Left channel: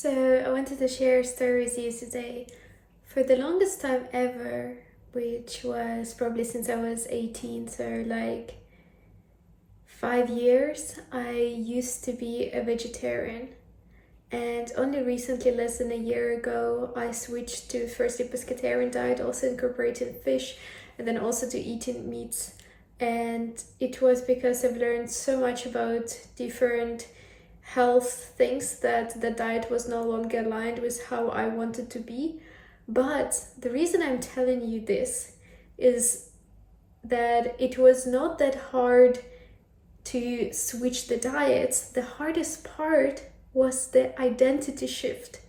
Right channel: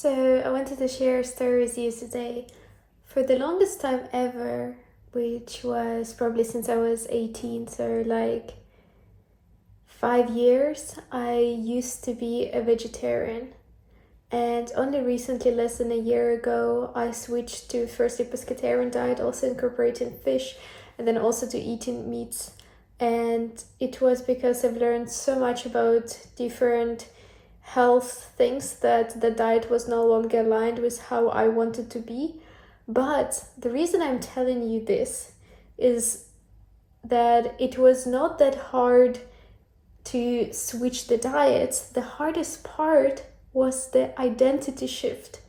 So I wanted to share a story with you today. For the longest time ever, which was probably since I was 18, so like 5 years, I used to be a vegetarian. And only recently, less than a year ago, I switched to first a pescatarian diet, also incorporating fish, and then also to eating meats. And it was because I've learned so much about different health things that the diet was no longer aligned with how I wanted to be. But the reason I'm telling you this is that it was not that hard to switch the diets. The hardest part was the identity shift,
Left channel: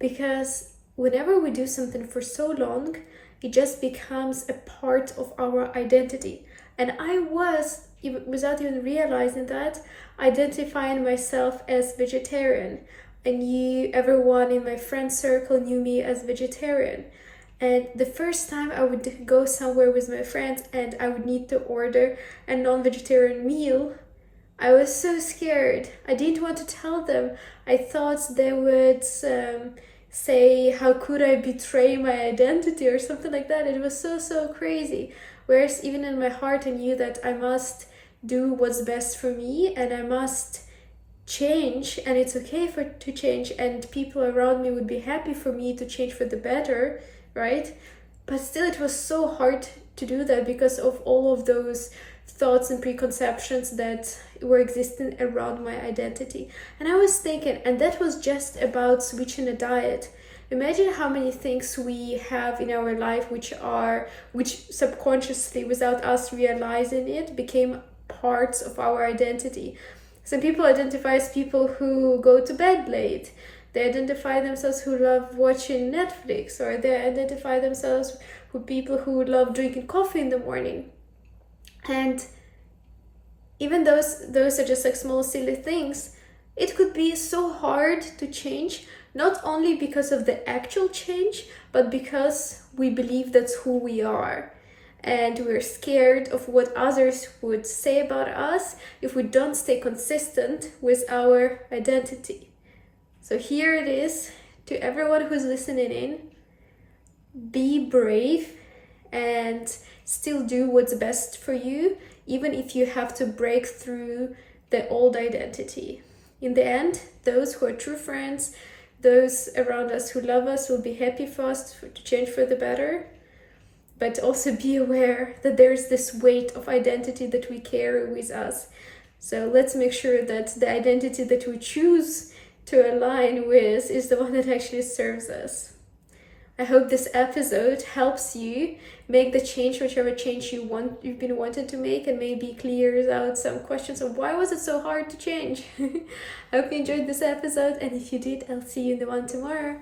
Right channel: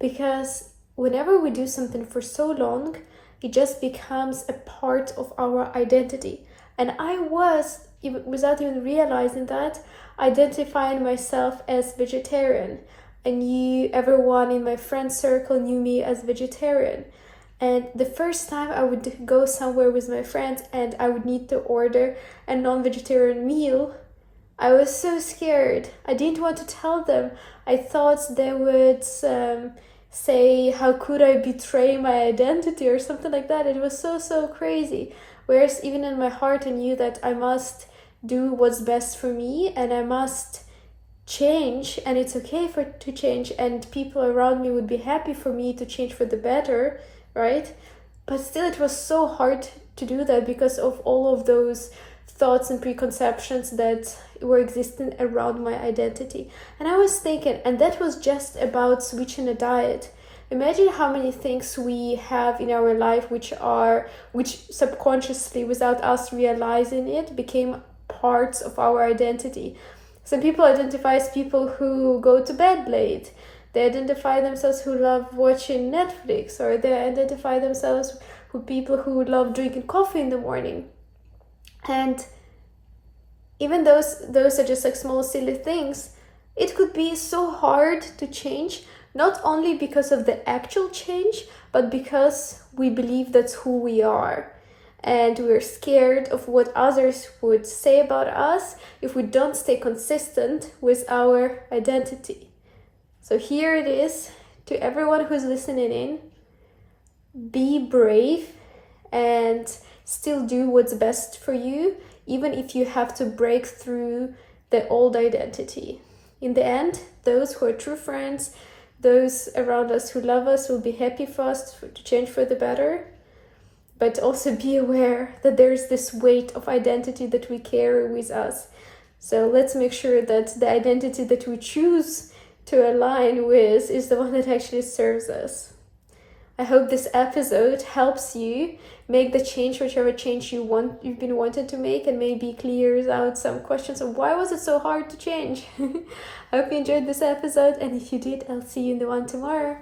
because whenever we do something for so long, it just becomes a part of our identity. And I was, without even realizing that, identifying myself as vegetarian. I knew everyone in my friend circle knew me as vegetarian. And the first time I would go somewhere with my friends and I would need to order a non-vegetarian meal, I was so scared. I didn't want to tell them. I thought they would say, how could I betray my identity or something like that. It was so crazy. Whereas even in my heart, I knew that I must do what's best for me and I must change, and it's okay to change, and people around me would be happy for me to change for the better, right? But still, it was so hard to do that because of all of those thoughts and preconceptions that were existing around my identity. And I was thinking, and that was just about switching a diet. Imagine how many things we have in our life which subconsciously, without us realizing it, became parts of our identity. Some people identify as people who go to bed late. They identify themselves who love watching Netflix, or they identify themselves with people who love drinking coffee in the morning. And even those are just like small silly things. It could be so hard to change, not only because of the actual change, but because we believe that's who we are. And we're scared of what others would say about us if we don't stay consistent with our identity. So here it is to everyone who's listening in. Be brave and still do what's best for you, even if you have to break through the old identity. In the end, those who are true friends, those around us who love us, will be happy for us to change for the better. But also be aware that there's this weight of identity that we carry with us. So let's make sure that the identity that we choose to align with is the one that actually serves us. I hope this episode helps you make the change, whichever change you've been wanting to make, and maybe clears out some questions of why was it so hard to change. I hope you enjoyed this episode, and if you did, I'll see you in the one tomorrow.